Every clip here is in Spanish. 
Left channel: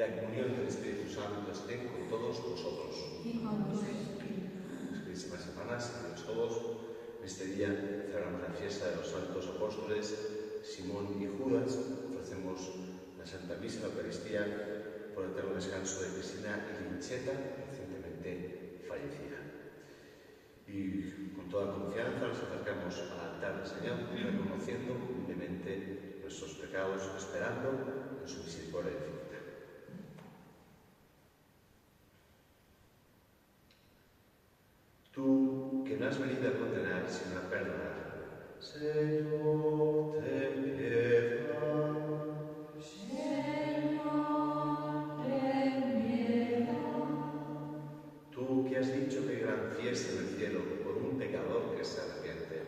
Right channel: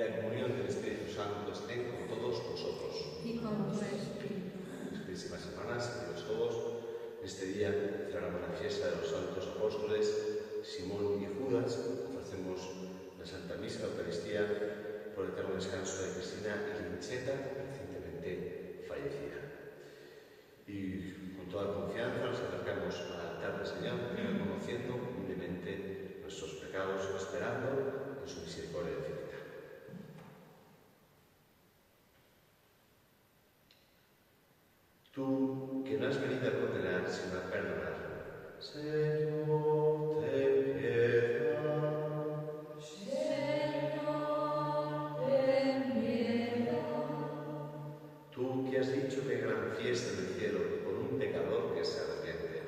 la comunión del Espíritu Santo esté con todos vosotros. Y con tu espíritu. Queridas hermanas, queridos todos, en este día celebramos la fiesta de los santos apóstoles Simón y Judas. Ofrecemos la Santa Misa, la Eucaristía, por el eterno descanso de Cristina Lincheta, recientemente fallecida. Y con toda confianza nos acercamos al altar del Señor, reconociendo humildemente nuestros pecados, esperando en su misericordia infinita. Tú, que no has venido a condenar, sino a perdonar, Señor, ten piedad. Señor, ten piedad. Tú, que has dicho que hay gran fiesta en el cielo por un pecador que se arrepiente,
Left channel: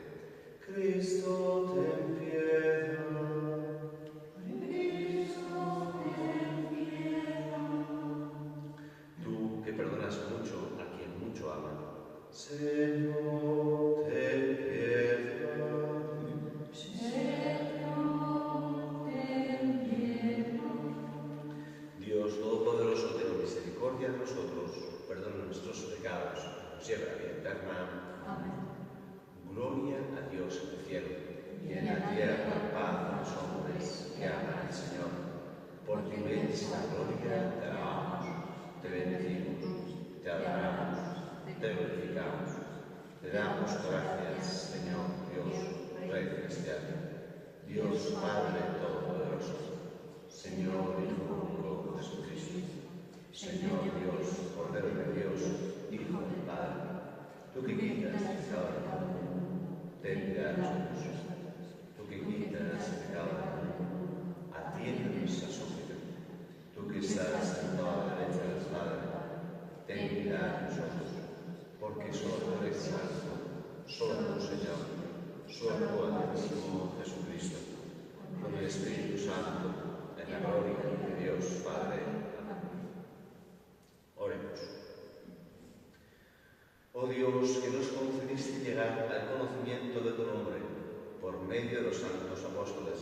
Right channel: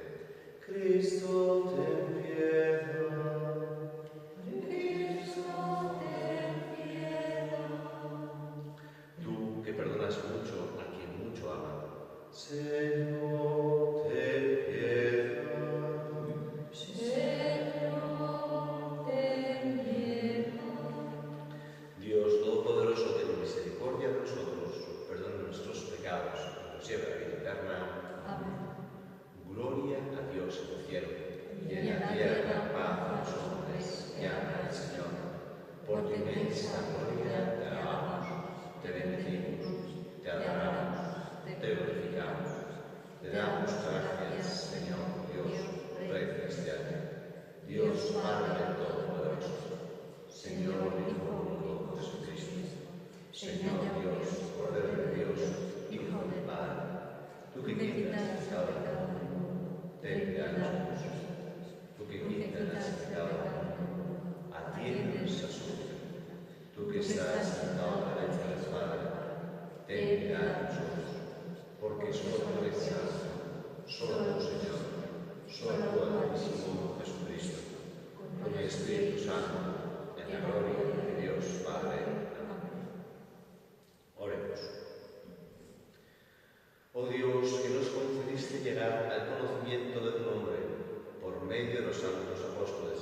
Cristo, ten piedad. Cristo, ten piedad. Tú, que perdonas mucho a quien mucho ama, Señor, ten piedad. Señor, ten piedad. Dios Todopoderoso, ten misericordia de nosotros, perdona nuestros pecados y nos lleve a la vida eterna. Amén. Gloria a Dios en el cielo y en la tierra paz a los hombres que aman al Señor. Por tu inmensa gloria te alabamos, te bendecimos, te adoramos, te glorificamos. Te damos gracias, Señor Dios, Rey celestial, Dios Padre Todopoderoso, Señor Hijo único Jesucristo, Señor Dios, Cordero de Dios, Hijo del Padre, tú que quitas el pecado del mundo, ten piedad de nosotros. Tú que quitas el pecado del mundo, atiéndenos a súplica. Tú que estás sentado a la derecha del Padre, ten piedad de nosotros. Porque solo tú eres santo, solo tú, Señor, solo tú, Altísimo Jesucristo, con el Espíritu Santo, en la gloria de Dios Padre. Amén. Oremos. Oh Dios, que nos concediste llegar al conocimiento de tu nombre por medio de los santos apóstoles,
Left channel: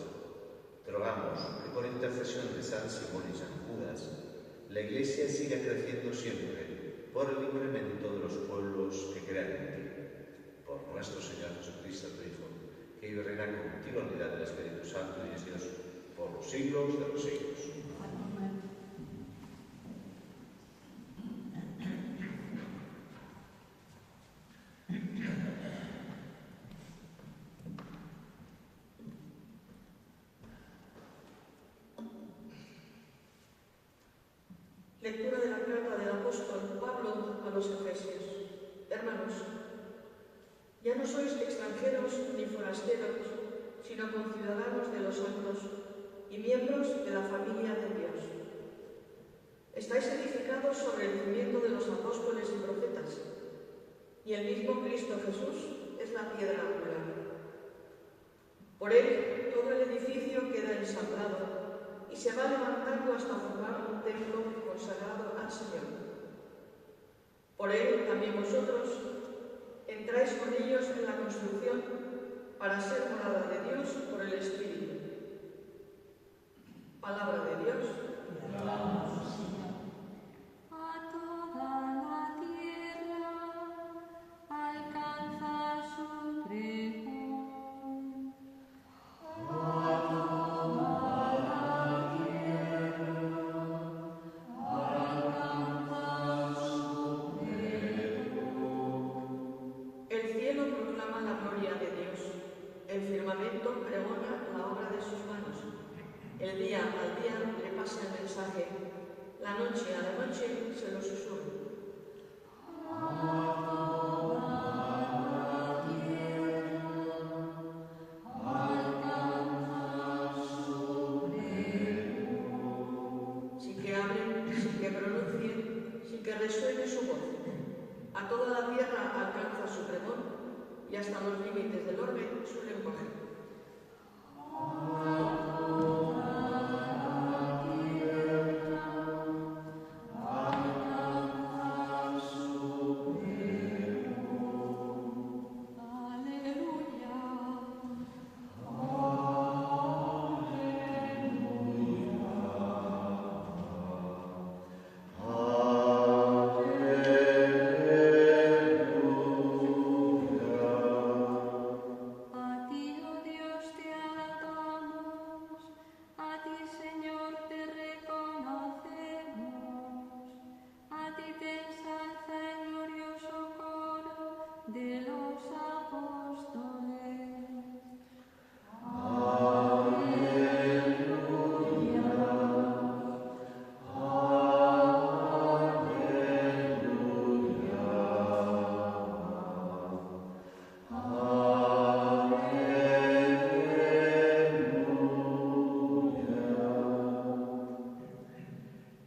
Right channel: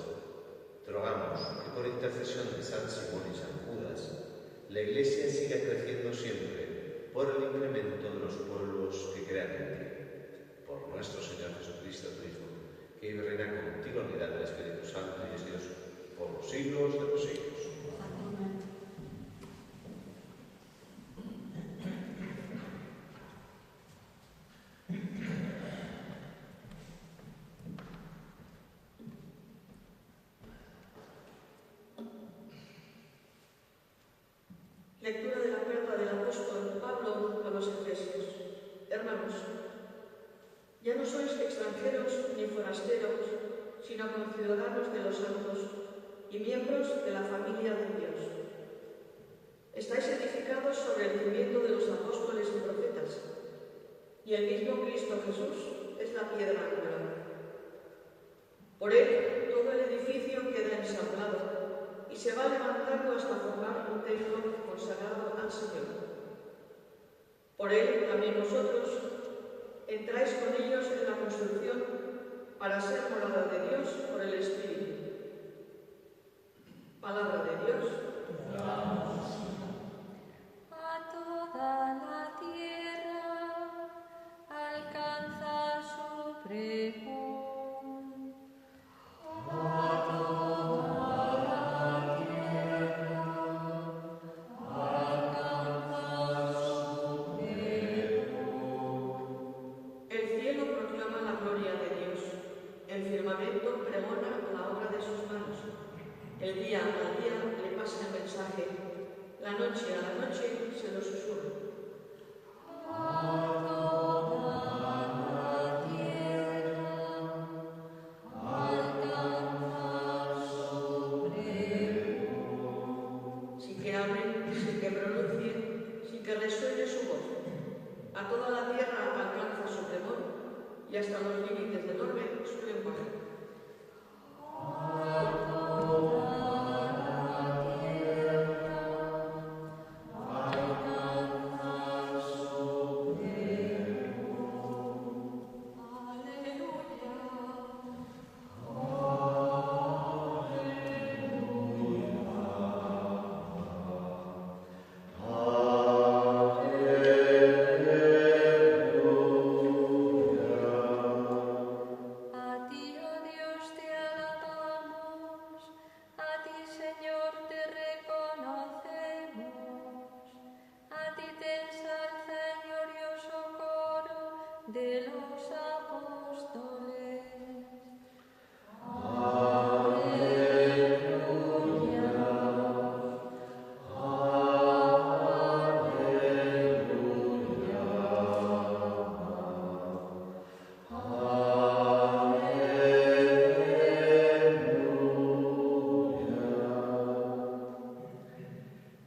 te rogamos que por intercesión de San Simón y San Judas, la Iglesia siga creciendo siempre por el incremento de los pueblos que crean en ti. Por nuestro Señor Jesucristo, tu Hijo, que vive y reina contigo en unidad del Espíritu Santo y es Dios por los siglos de los siglos. Lectura de la carta del apóstol Pablo a los Efesios. Hermanos, ya no sois extranjeros ni forasteros, sino conciudadanos de los santos y miembros de la familia de Dios. Estáis edificados sobre el cimiento de los apóstoles y profetas, y el mismo Cristo Jesús es la piedra angular. Por él todo el edificio queda ensamblado y se va levantando hasta formar un templo consagrado al Señor. Por él también vosotros entráis con ellos en la construcción para ser morada de Dios por el Espíritu. Palabra de Dios. A toda la tierra alcanza su pregón. A toda la tierra alcanza su pregón. El cielo proclama la gloria de Dios, el firmamento pregona la obra de sus manos. El día al día le pasa el mensaje, la noche a la noche se lo susurra. A toda la tierra alcanza su pregón. Sin que hablen, sin que pronuncien, sin que resuene su voz. A toda la tierra alcanza su pregón y hasta los límites del orbe su lenguaje.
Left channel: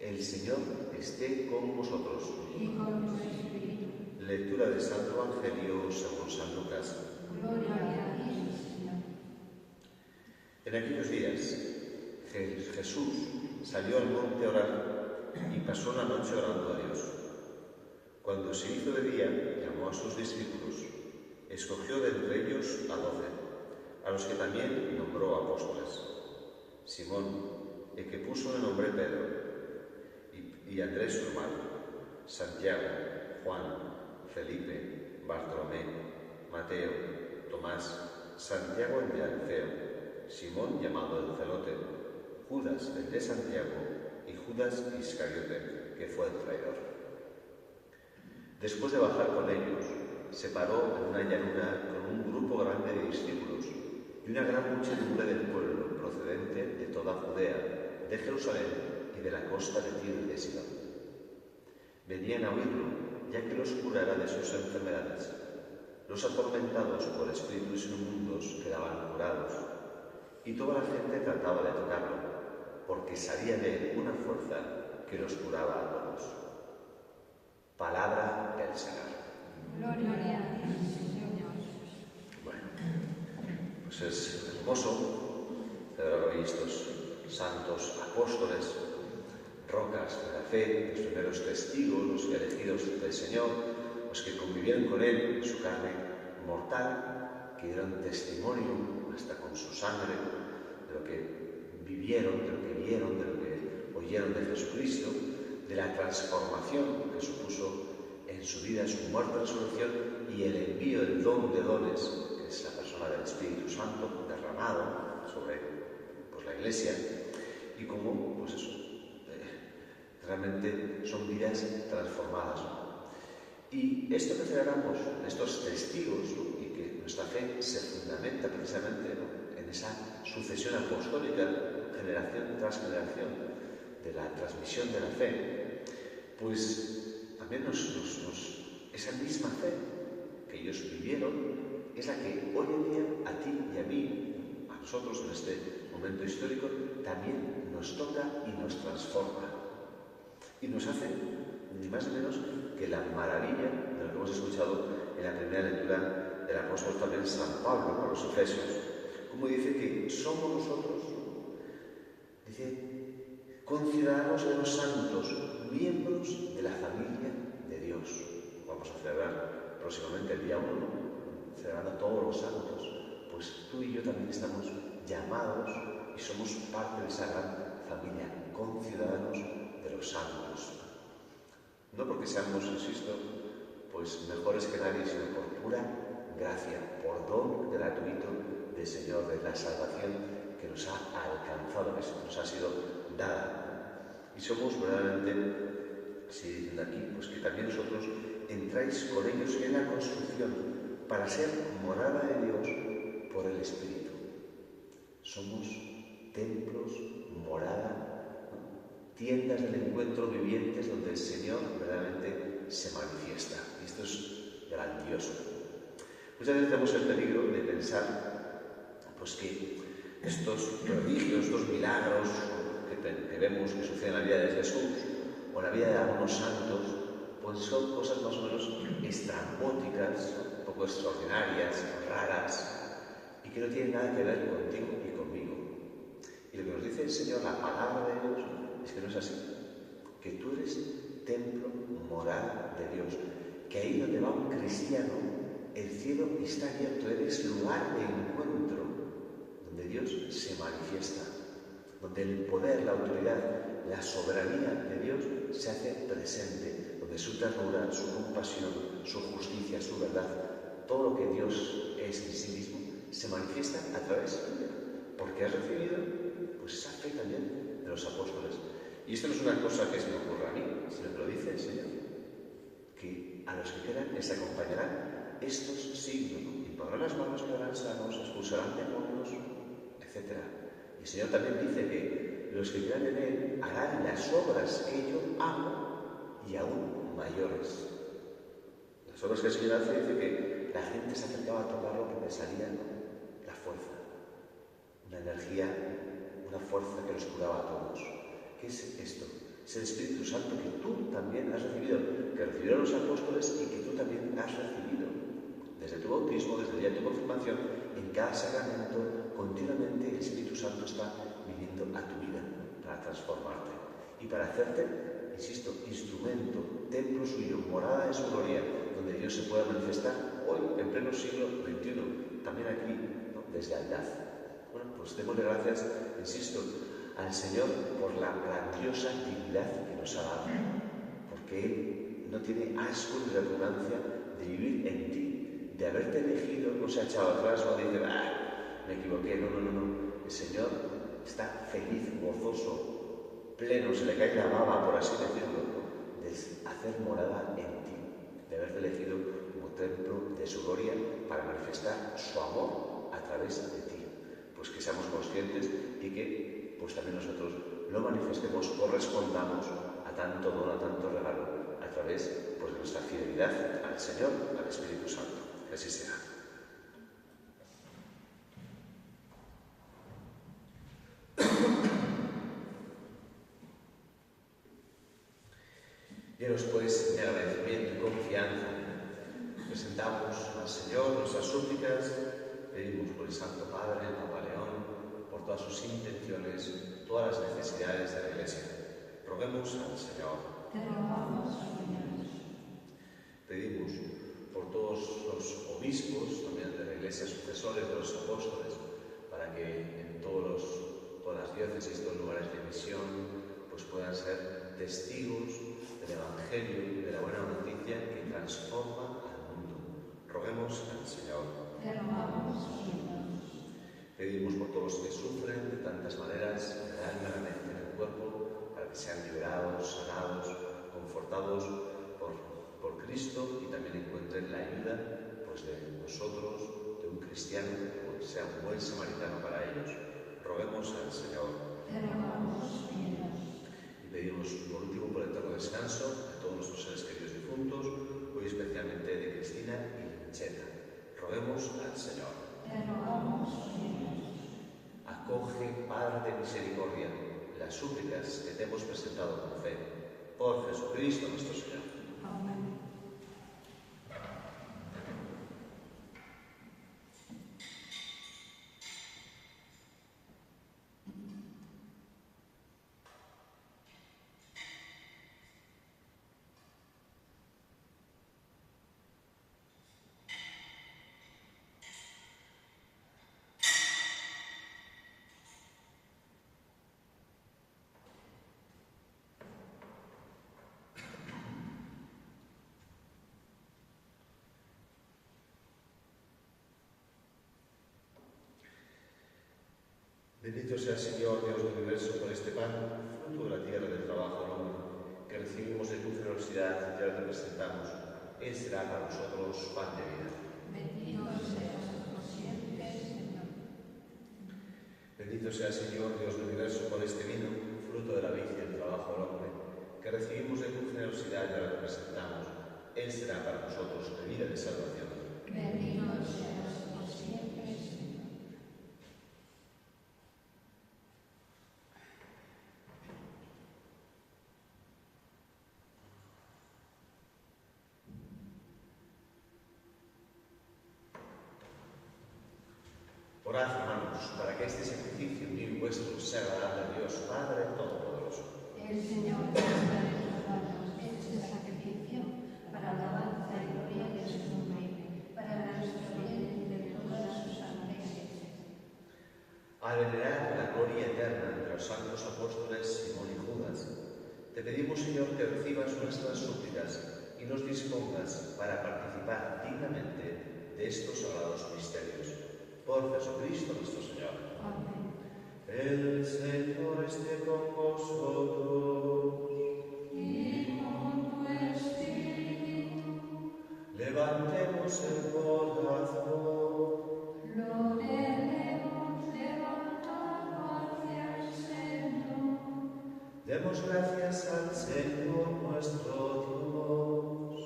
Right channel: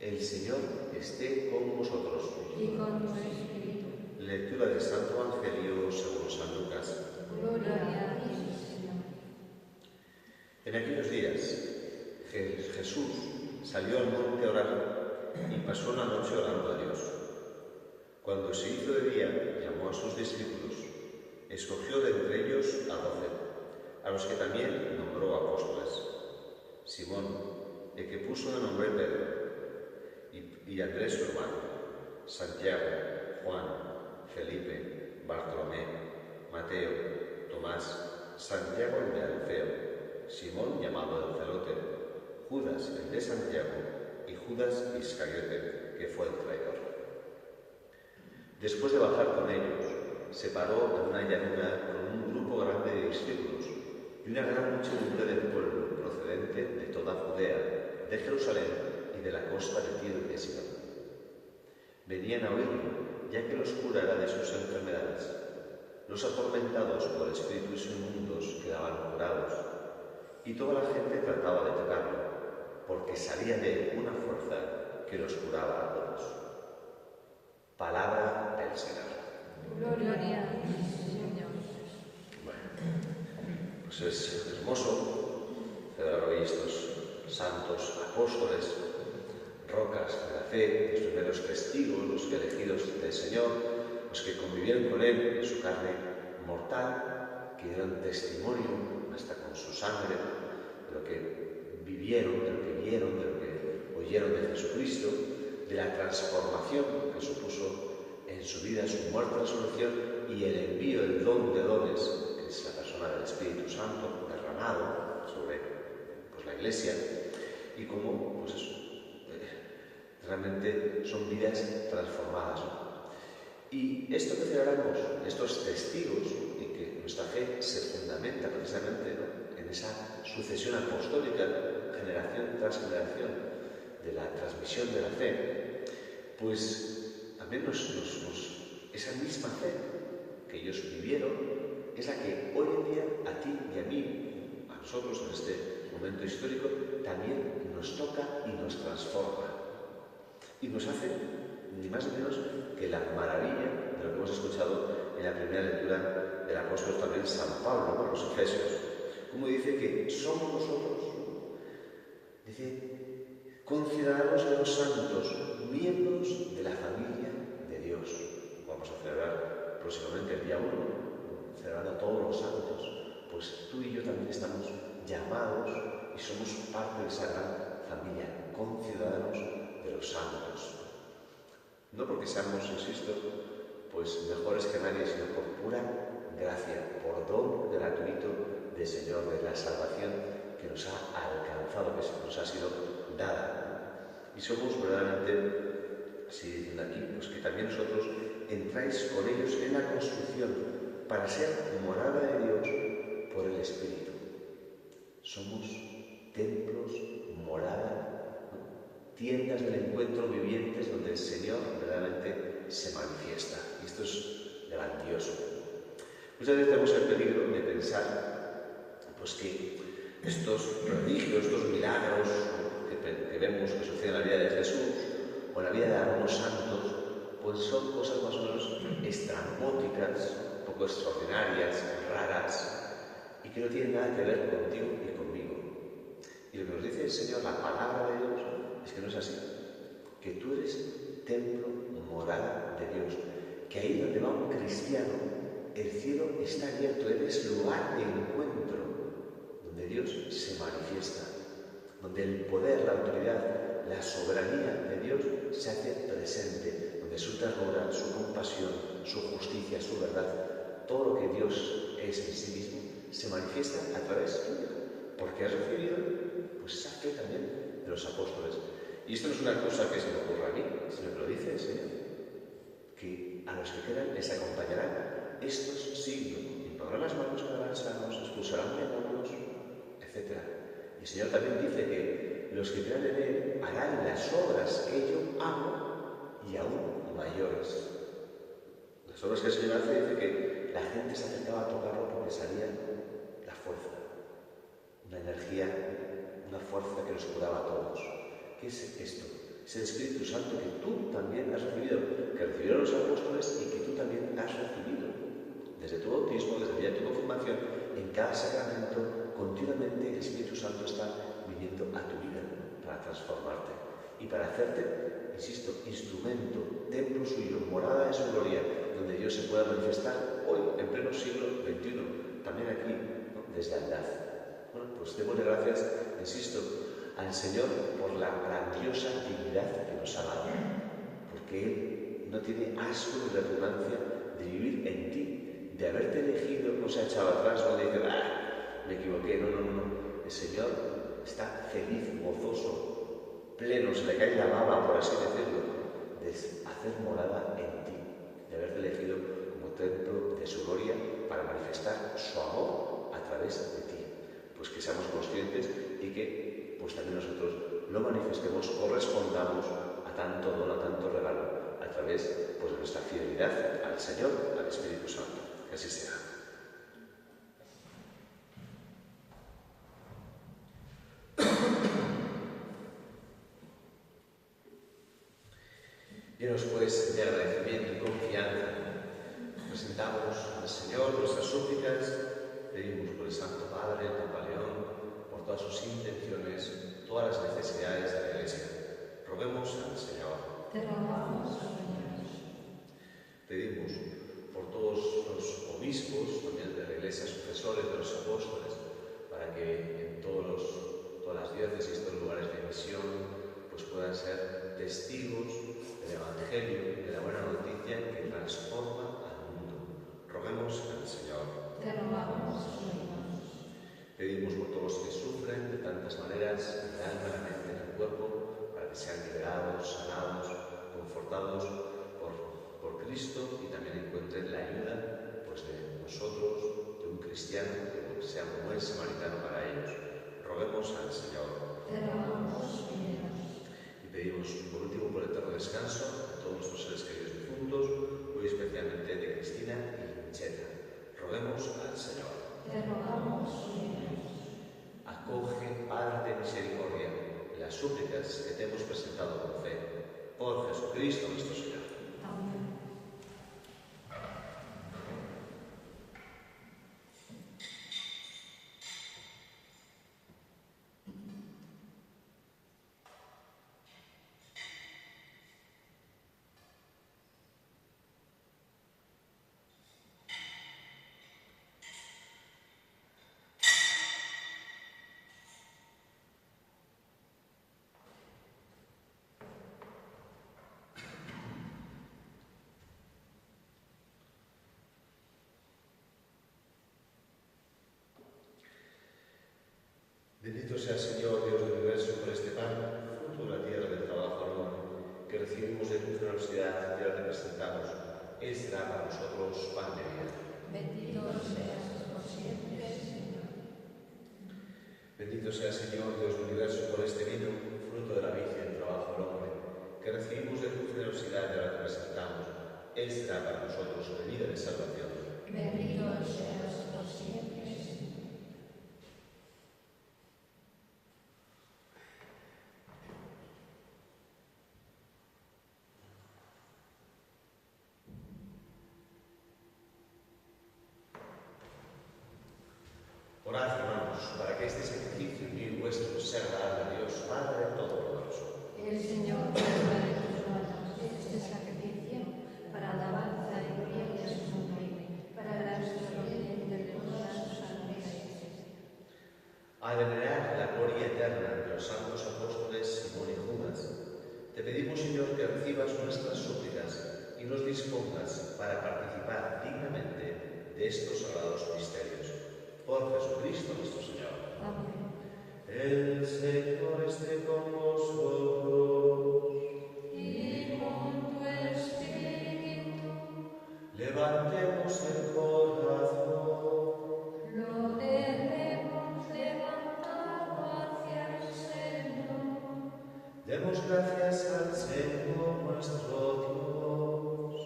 El Señor esté con vosotros. y con tu espíritu. Lectura del Santo Evangelio según San Lucas. Gloria a ti, Señor. En aquellos días, Jesús salió al monte a orar y pasó una noche orando a Dios. Cuando se hizo de día, llamó a sus discípulos, escogió de entre ellos a 12, a los que también nombró apóstoles. Simón, el que puso el nombre Pedro, y Andrés su hermano, Santiago, Juan, Felipe, Bartolomé, Mateo, Tomás, Santiago el de Alfeo, Simón llamado el Celote, Judas el de Santiago y Judas Iscariote, que fue el traidor. Después de bajar con ellos, se paró en una llanura con un grupo grande de discípulos y una gran muchedumbre del pueblo procedente de toda Judea, de Jerusalén y de la costa de Tiro y de Sidón. Venían a oírlo, ya que los curara de sus enfermedades. Los atormentados por espíritus inmundos quedaban curados, y toda la gente trataba de tocarlo, porque salía de él una fuerza que los curaba a todos. Palabra del Señor. Gloria a ti, Señor. Bueno, pues es hermoso celebrar hoy estos santos apóstoles, rocas de la fe, los primeros testigos, los elegidos del Señor, los que convivieron con Él en su carne mortal, que dieron testimonio hasta con su sangre de lo que vivieron, de lo que vieron, de lo que oyeron de Jesucristo, de la transformación que supuso en su vida su muerte, resurrección y el envío del don de dones, que es la persona del Espíritu Santo derramado sobre la Iglesia, y cómo pues eso, realmente son vidas transformadas, ¿no? Y esto que celebramos, estos testigos, y que nuestra fe se fundamenta precisamente, ¿no?, en esa sucesión apostólica, generación tras generación, de la transmisión de la fe, pues también esa misma fe que ellos vivieron es la que hoy en día a ti y a mí, a nosotros en este momento histórico, también nos toca y nos transforma. Y nos hace ni más ni menos que la maravilla de lo que hemos escuchado en la primera lectura del apóstol también San Pablo, ¿no?, los Efesios. Como dice que somos nosotros, dice, conciudadanos de los santos, miembros de la familia de Dios. Vamos a celebrar próximamente el día 1, celebrando a todos los santos. Pues tú y yo también estamos llamados y somos parte de esa gran familia, conciudadanos de los santos. No porque seamos, insisto, pues mejores que nadie, sino por pura gracia, por don gratuito del Señor, de la salvación que nos ha alcanzado, que nos ha sido dada. Y somos verdaderamente, si dicen aquí, pues que también nosotros entráis con ellos en la construcción para ser morada de Dios por el Espíritu. Somos templos, morada, ¿no?, tiendas del encuentro vivientes donde el Señor verdaderamente se manifiesta. Y esto es grandioso. Muchas veces tenemos el peligro de pensar pues que estos prodigios, estos milagros que vemos que suceden en la vida de Jesús o en la vida de algunos santos, pues son cosas más o menos estrambóticas, un poco extraordinarias, raras, y que no tienen nada que ver contigo y conmigo. Y lo que nos dice el Señor, la palabra de Dios, es que no es así, que tú eres templo, morada de Dios, que ahí donde va un cristiano, el cielo está abierto, eres lugar de encuentro, donde Dios se manifiesta, donde el poder, la autoridad, la soberanía de Dios se hace presente, donde su ternura, su compasión, su justicia, su verdad, todo lo que Dios es en sí mismo, se manifiesta a través tuya, porque has recibido pues esa fe también de los apóstoles. Y esto no es una cosa que se me ocurra a mí, sino que lo dice el Señor, que a los que quedan les acompañarán estos signos, impondrán las manos, quedarán sanos, expulsarán demonios, etc. Y el Señor también dice que los que quedan en Él harán las obras que yo hago y aún mayores. Las obras que el Señor hace, dice que la gente se acercaba a tocarlo porque salía la fuerza, una energía, una fuerza que los curaba a todos. ¿Qué es esto? Es el también has recibido, que recibieron los apóstoles y que tú también has recibido. Desde tu bautismo, desde el día de tu confirmación, en cada sacramento, continuamente el Espíritu Santo está viniendo a tu vida para transformarte y para hacerte, insisto, instrumento, templo suyo, morada de su gloria, donde Dios se pueda manifestar hoy, en pleno siglo XXI, también aquí, ¿no? Desde Aldaz. Bueno, pues démosle gracias, insisto, al Señor por la grandiosa dignidad que nos ha dado, porque Él no tiene asco ni repugnancia de vivir en ti, de haberte elegido, no se ha echado atrás, no dice, me equivoqué, no. El Señor está feliz, gozoso, pleno, se le cae la baba, por así decirlo, de hacer morada en ti, de haberte elegido como templo de su gloria para manifestar su amor a través de ti. Pues que seamos conscientes y que pues también nosotros lo manifestemos, correspondamos a tanto don, a tanto regalo, a través pues, de nuestra fidelidad al Señor, al Espíritu Santo. Que así sea. Llenos pues de agradecimiento y confianza, presentamos al Señor nuestras súplicas, pedimos por el Santo Padre, el Papa León, por todas sus intenciones, todas las necesidades de la Iglesia. Roguemos al Señor. Te rogamos, Señor. Pedimos por todos los obispos, también de la Iglesia, sucesores de los apóstoles, para que en todas las diócesis, todos los lugares de misión, pues puedan ser testigos del Evangelio, de la buena noticia que transforma al mundo. Roguemos al Señor. Te rogamos, Señor. Pedimos por todos los que sufren de tantas maneras, en el alma, en la mente, en el cuerpo, para que sean liberados, sanados, confortados por Cristo y también encuentren la ayuda pues, de nosotros, de un cristiano, que sea un buen samaritano para ellos. Roguemos al Señor. Te rogamos, Señor. Y pedimos por último por el eterno descanso de todos nuestros seres queridos difuntos, hoy especialmente de Cristina y Lincheta. Roguemos al Señor. Te rogamos, Señor. Acoge, Padre de misericordia, las súplicas que te hemos presentado con fe. Por Jesucristo nuestro Señor. Amén. Bendito sea el Señor, Dios del universo, por este pan, fruto de la tierra del trabajo del hombre, que recibimos de tu generosidad y ahora te presentamos. Él será para nosotros pan de vida. Bendito seas por siempre, Señor. Bendito sea el Señor, Dios del universo, por este vino, fruto de la vid y del trabajo del hombre, que recibimos de tu generosidad y ahora te presentamos. Él será para nosotros bebida de salvación. Bendito seas por siempre, Señor. Orad, hermanos, para que este sacrificio mío y vuestro sea agradable a Dios, Padre Todopoderoso. El Señor guarda de tus manos este sacrificio para la alabanza y gloria de su nombre, para la gloria de todas sus santas iglesias. A venerar la gloria eterna de los santos apóstoles Simón y Judas, te pedimos, Señor, que recibas nuestras súplicas y nos dispongas para participar dignamente de estos sagrados misterios. Por Jesucristo nuestro Señor. Amén. El Señor esté con vosotros. Y con tu espíritu Levantemos el corazón. lo tenemos levantado hacia el Señor. Demos gracias al Señor nuestro Dios.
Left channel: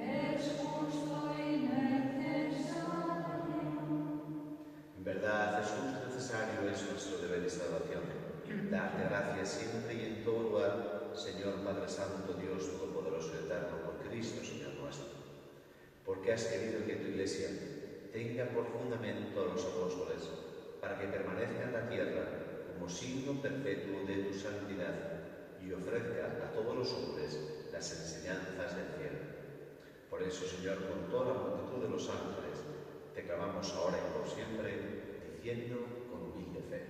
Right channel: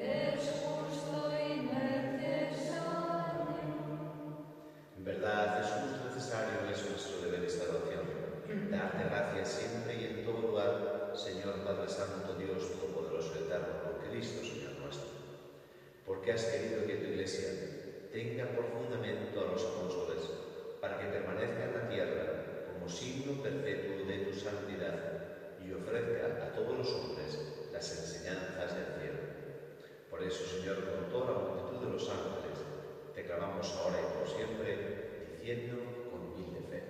Es justo y necesario. En verdad es justo y necesario, es nuestro deber y salvación. Darte gracias siempre y en todo lugar, Señor Padre Santo, Dios Todopoderoso. eterno por Cristo, Señor nuestro. Porque has querido que tu Iglesia tenga por fundamento a los apóstoles, para que permanezca en la tierra como signo perpetuo de tu santidad y ofrezca a todos los hombres las enseñanzas del cielo. Por eso, Señor, con toda la multitud de los ángeles, te clamamos ahora y por siempre, diciendo con humilde fe:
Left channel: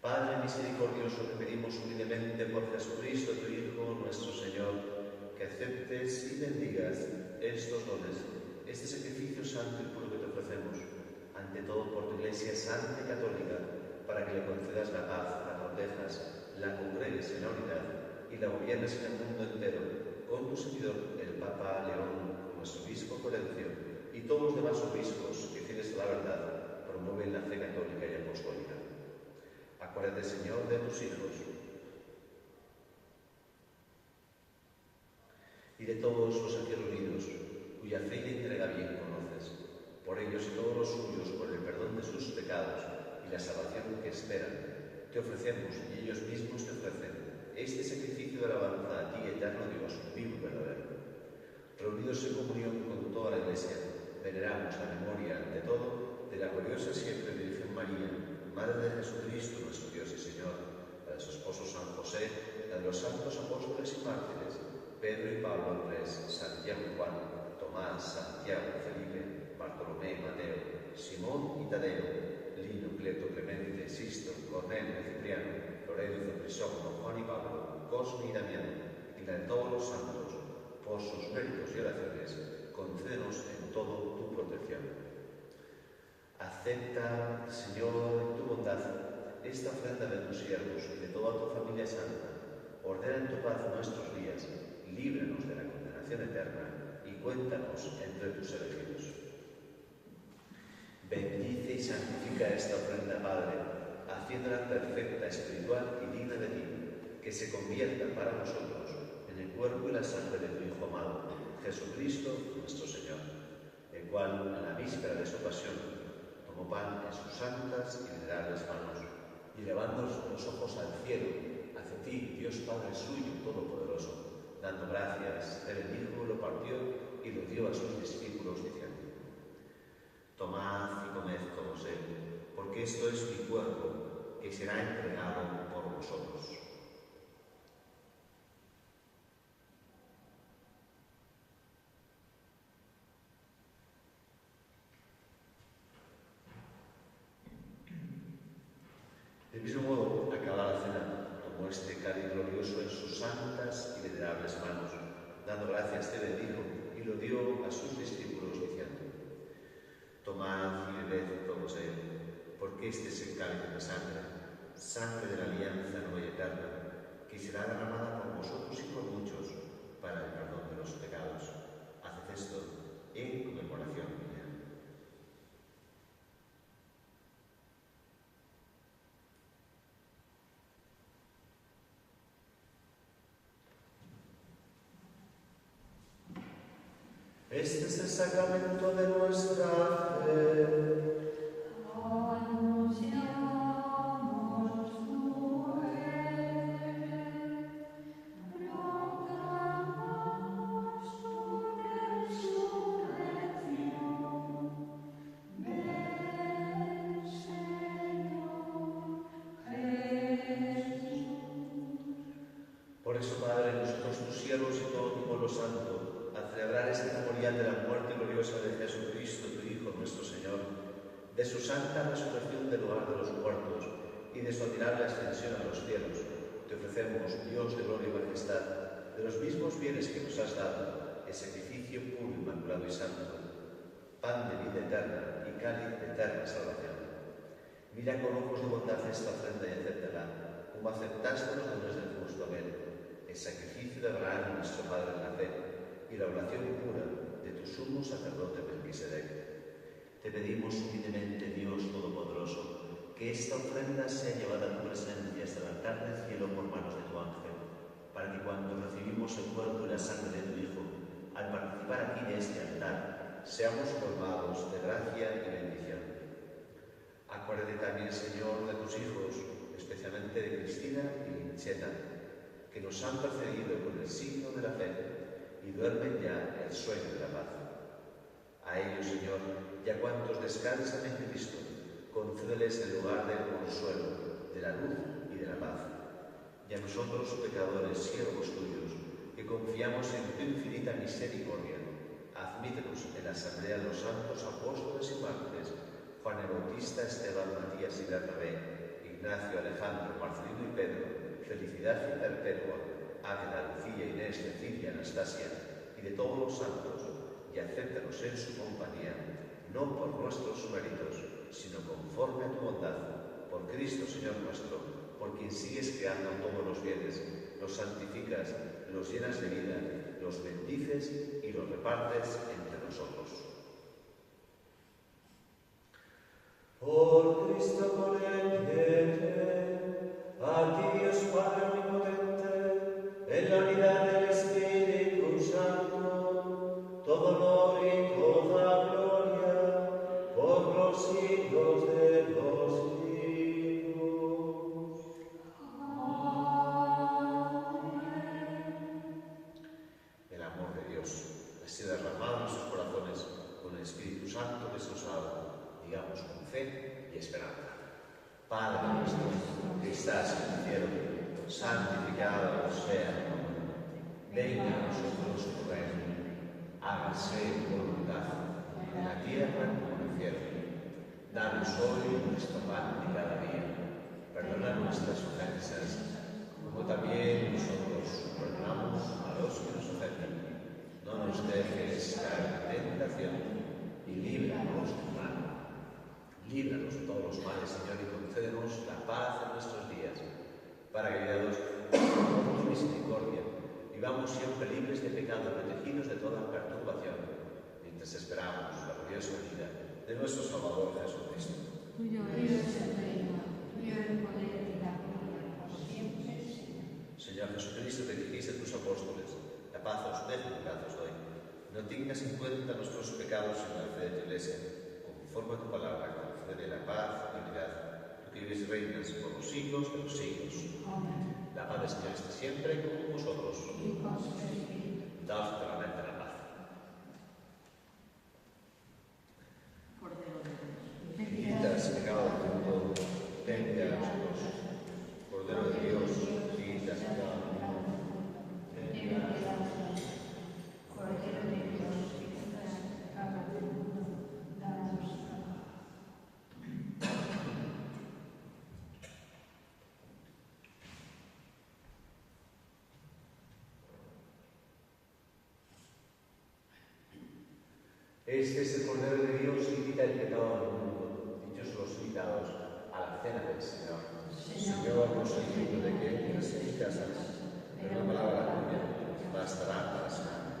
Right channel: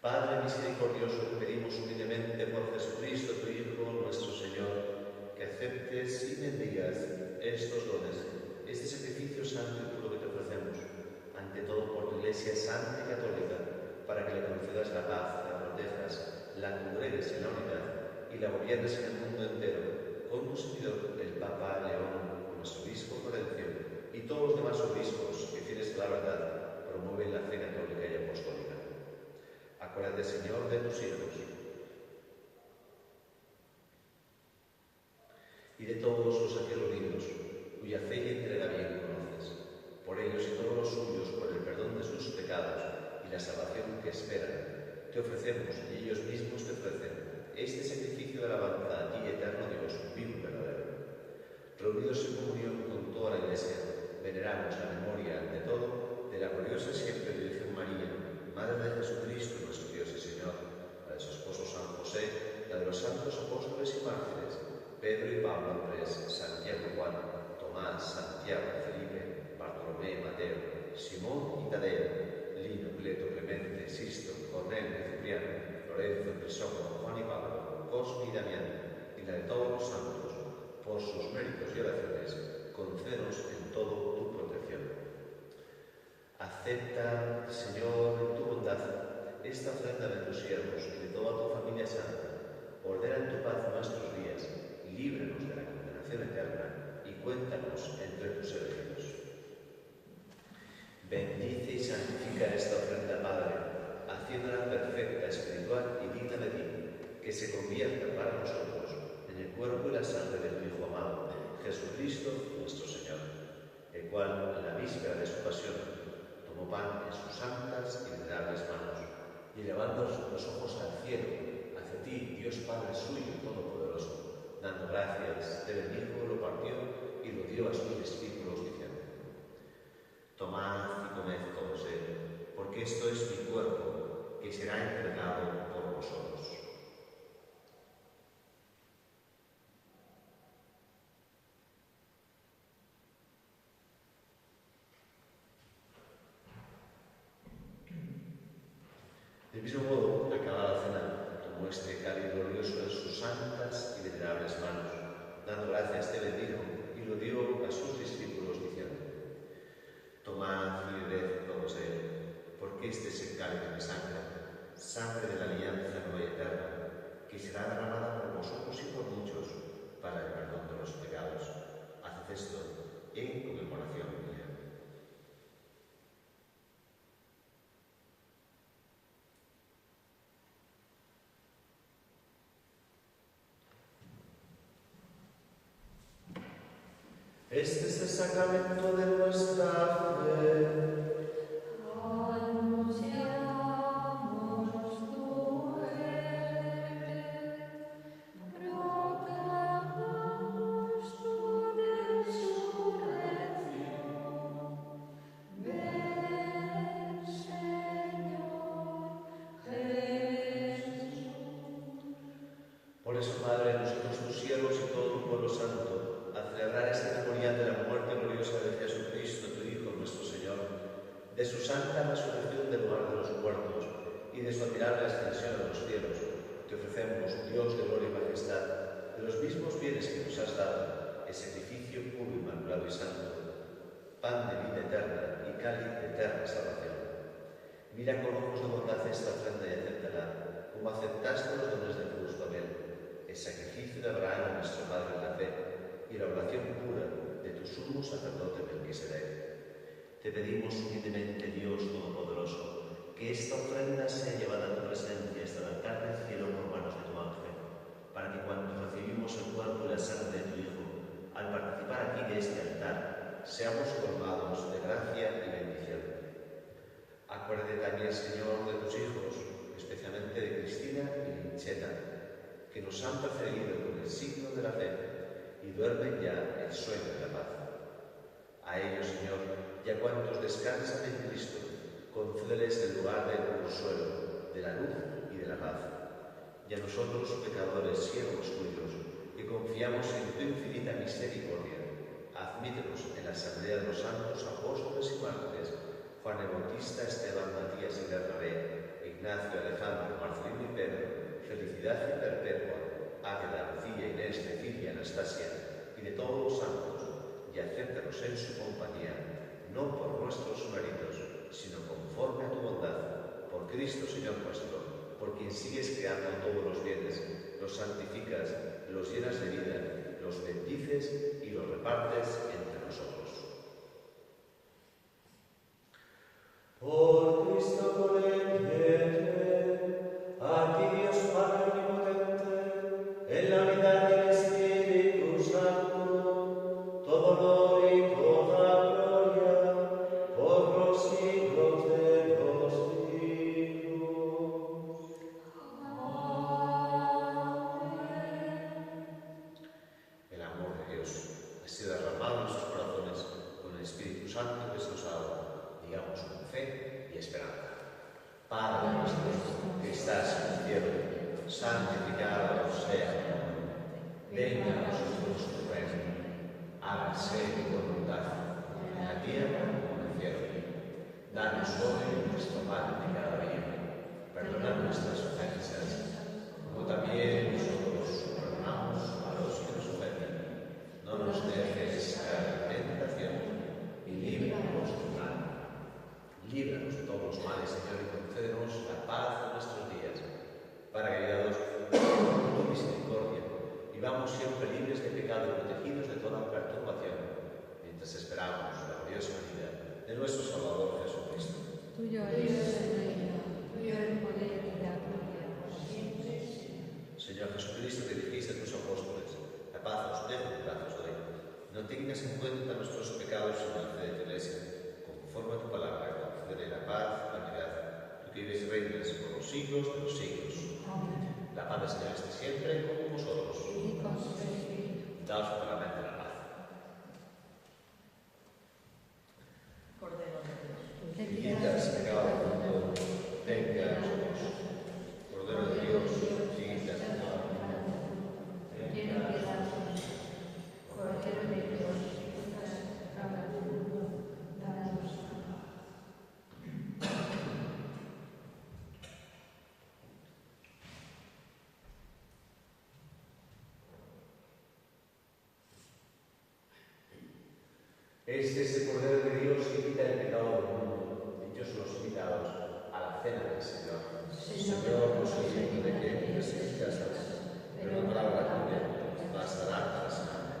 Padre misericordioso, te pedimos humildemente por Jesucristo, tu Hijo, nuestro Señor, que aceptes y bendigas estos dones, este sacrificio santo y puro que te ofrecemos, ante todo por tu Iglesia Santa y Católica, para que le concedas la paz, la protejas, la congregues en la unidad y la gobiernes en el mundo entero, con tu servidor, el Papa León, nuestro obispo Florencio, y todos los demás obispos que, fieles a la verdad, promueven la fe católica y apostólica. Acuérdate, Señor, de tus hijos y de todos los aquí reunidos, cuya fe y entrega bien conoces. Por ellos y todos los suyos, por el perdón de sus pecados y la salvación que esperan, te ofrecemos, y ellos mismos te ofrecen, este sacrificio de alabanza a ti, eterno Dios, vivo y verdadero. Reunidos en comunión con toda la Iglesia, veneramos la memoria, ante todo, de la gloriosa siempre Virgen María, Madre de Jesucristo, nuestro Dios y Señor, la de su esposo San José, la de los santos apóstoles y mártires, Pedro y Pablo, Andrés, Santiago y Juan, Tomás, Santiago, Felipe, Bartolomé, Mateo, Simón y Tadeo, Lino, Cleto, Clemente, Sisto, Cornelio, Cipriano, Lorenzo, Crisógono, Juan y Pablo, Cosme y Damián, y la de todos los santos, por sus méritos y oraciones, concédenos en todo tu protección. Acepta, Señor, tu bondad, esta ofrenda de tus siervos y de toda tu familia santa. Ordena en tu paz nuestros días, líbranos de la condenación eterna y cuéntanos entre tus elegidos. Bendice y santifica esta ofrenda, Padre, haciéndola perfecta, espiritual y digna de ti, que se convierta para nosotros en el cuerpo y la sangre de tu Hijo amado, Jesucristo nuestro Señor, el cual, en la víspera de su pasión, tomó pan en sus santas y venerables manos, y elevando los ojos al cielo, hacia ti, Dios Padre suyo y todopoderoso, dando gracias, te bendijo, lo partió y lo dio a sus discípulos, diciendo: Tomad y comed todos él, porque esto es mi cuerpo, que será entregado por vosotros. Del mismo modo, acabada la cena, tomó este cáliz glorioso en sus santas y venerables manos, dando gracias, te bendijo y lo dio a sus discípulos, diciendo: Tomad y bebed todos de él, porque este es el cáliz de mi sangre, sangre de la alianza nueva y eterna, que será derramada por vosotros y por muchos para el perdón de los pecados. Haced esto en conmemoración mía. Este es el sacramento de nuestra fe. Anunciamos tu muerte, proclamamos tu resurrección. Ven, Señor Jesús. Por eso, Padre, nosotros tus siervos y todo tu pueblo santo, hacemos celebrar este memorial de la muerte gloriosa de Jesucristo, tu Hijo, nuestro Señor, de su santa resurrección del lugar de los muertos y de su admirable ascensión a los cielos, te ofrecemos, Dios de gloria y majestad, de los mismos bienes que nos has dado, el sacrificio puro, inmaculado y santo, pan de vida eterna y cáliz de eterna salvación. Mira con ojos de bondad esta ofrenda y acéptala, como aceptaste los dones del justo Abel, el sacrificio de Abraham, nuestro Padre en la fe, y la oración pura de tu sumo sacerdote Melquisedec. Te pedimos humildemente, Dios Todopoderoso, que esta ofrenda sea llevada a tu presencia hasta el altar del cielo por manos de tu ángel, para que cuando recibimos el cuerpo y la sangre de tu Hijo, al participar aquí de este altar, seamos colmados de gracia y bendición. Acuérdate también, Señor, de tus hijos, especialmente de Cristina y Linchena, que nos han precedido con el signo de la fe y duermen ya el sueño de la paz. A ellos, Señor, y a cuantos descansan en Cristo, concédeles el lugar del consuelo, de la luz y de la paz. Y a nosotros, pecadores, siervos tuyos, que confiamos en tu infinita misericordia, admítenos en la asamblea de los santos apóstoles y mártires, Juan el Bautista, Esteban, Matías y Bernabé, Ignacio, Alejandro, Marcelino y Pedro, Felicidad y Perpetua, Águeda, Lucía, Inés, Cecilia, Anastasia y de todos los santos, y acéptanos en su compañía, no por nuestros méritos, sino conforme a tu bondad, por Cristo Señor nuestro, por quien sigues creando todos los bienes, los santificas, los llenas de vida, los bendices y los repartes entre nosotros. Por Cristo, por él y en él, a ti Dios Padre omnipotente, en la unidad del Espíritu Santo, todo honor y toda gloria, por los siglos de los siglos. El amor de Dios ha sido derramado en nuestros corazones con el Espíritu Santo que se nos ha dado. Digamos con fe y esperanza. Padre nuestro, que estás en el cielo, santificado sea tu nombre. Venga a nosotros tu reino. Hágase tu voluntad, en la tierra como en el cielo. Danos hoy nuestro pan de cada día. Perdona nuestras ofensas, como también nosotros perdonamos a los que nos ofenden. No nos dejes caer en la tentación y líbranos del mal. Líbranos de todos los males, Señor, y concédenos la paz en nuestros días, para que, guiados por tu misericordia, vivamos siempre libres de pecado y protegidos de toda perturbación, mientras esperamos la gloriosa venida de nuestro Salvador Jesucristo. Tuyo es el reino, tuyo el poder y la gloria, por siempre, Señor. Señor Jesucristo, que dijiste a tus apóstoles, la paz os dejo, mi paz os doy. No tengas en cuenta nuestros pecados en la fe de tu Iglesia, conforme a tu palabra, de la paz y la unidad, tú que vives y reinas por los siglos de los siglos. Amén. La paz del Señor esté siempre con vosotros. Y con su espíritu. Daos claramente la paz. Cordero de Dios. Que quitas el pecado del mundo, venga a nosotros. Cordero de Dios, que quitas el pecado del mundo, venga a nosotros. Cordero de Dios, que quitas el pecado del mundo, danos la paz. Este es el Cordero de Dios que quita el pecado del mundo. Dichosos los invitados a la cena del Señor. Señor, no soy digno de que entres en mi casa, pero una palabra tuya bastará para sanarme.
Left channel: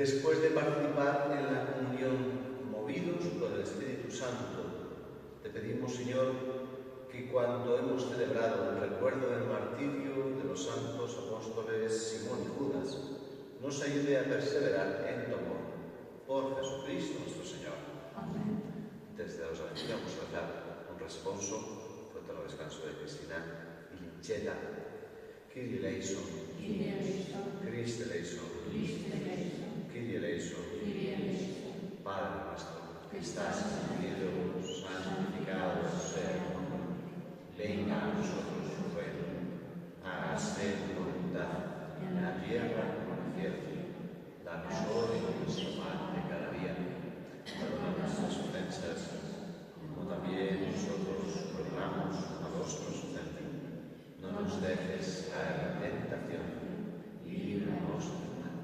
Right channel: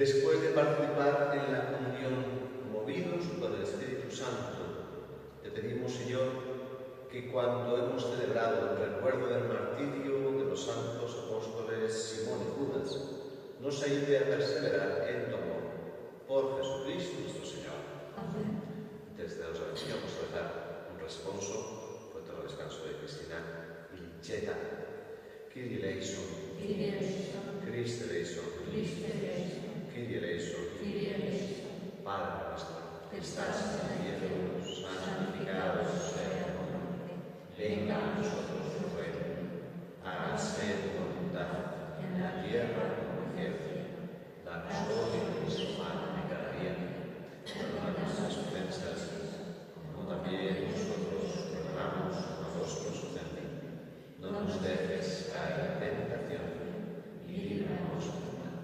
Después de participar en la comunión movidos por el Espíritu Santo, te pedimos, Señor, que cuando hemos celebrado el recuerdo del martirio de los santos apóstoles Simón y Judas, nos ayude a perseverar en tu amor. Por Jesucristo nuestro Señor. Amén. Desde la oración vamos a dar un responso frente al descanso de Cristina y Licheta. Kyrie eleison, Kyrie eleison, Christe eleison, Christe eleison, Kyrie eleison, Kyrie eleison. Padre nuestro, que Que estás en el cielo, santificado sea tu nombre. Venga a nosotros tu reino. Hágase tu voluntad, en la tierra como en el cielo. Danos hoy nuestro pan de cada día. Perdona nuestras ofensas, como también nosotros perdonamos a los que nos ofenden. No nos dejes caer en tentación y líbranos del mal.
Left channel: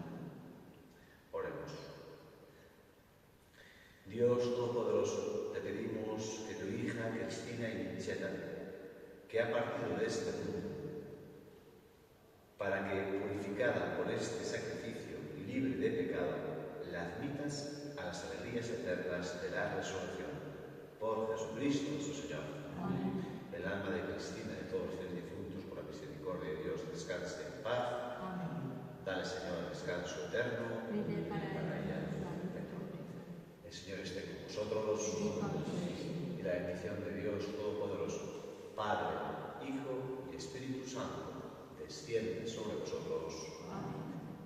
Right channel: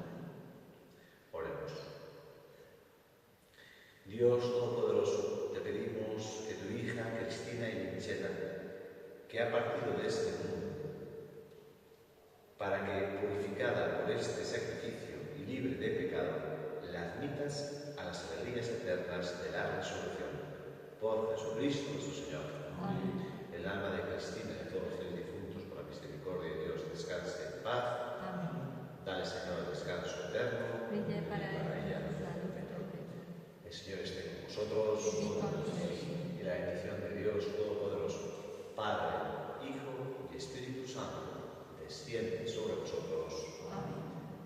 Oremos. Dios Todopoderoso, te pedimos que tu hija Cristina Inicheta, que ha partido de este mundo, para que, purificada por este sacrificio y libre de pecado, la admitas a las alegrías eternas de la resurrección. Por Jesucristo nuestro Señor. Amén. El alma de Cristina y de todos los difuntos, por la misericordia de Dios, descanse en paz. Amén. Dale, Señor, el descanso eterno. Brinde para ella. El Señor esté con vosotros. Y la bendición de Dios Todopoderoso, Padre, Hijo y Espíritu Santo, desciende sobre vosotros.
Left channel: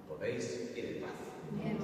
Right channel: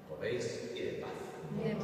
Podéis ir en paz. Bien.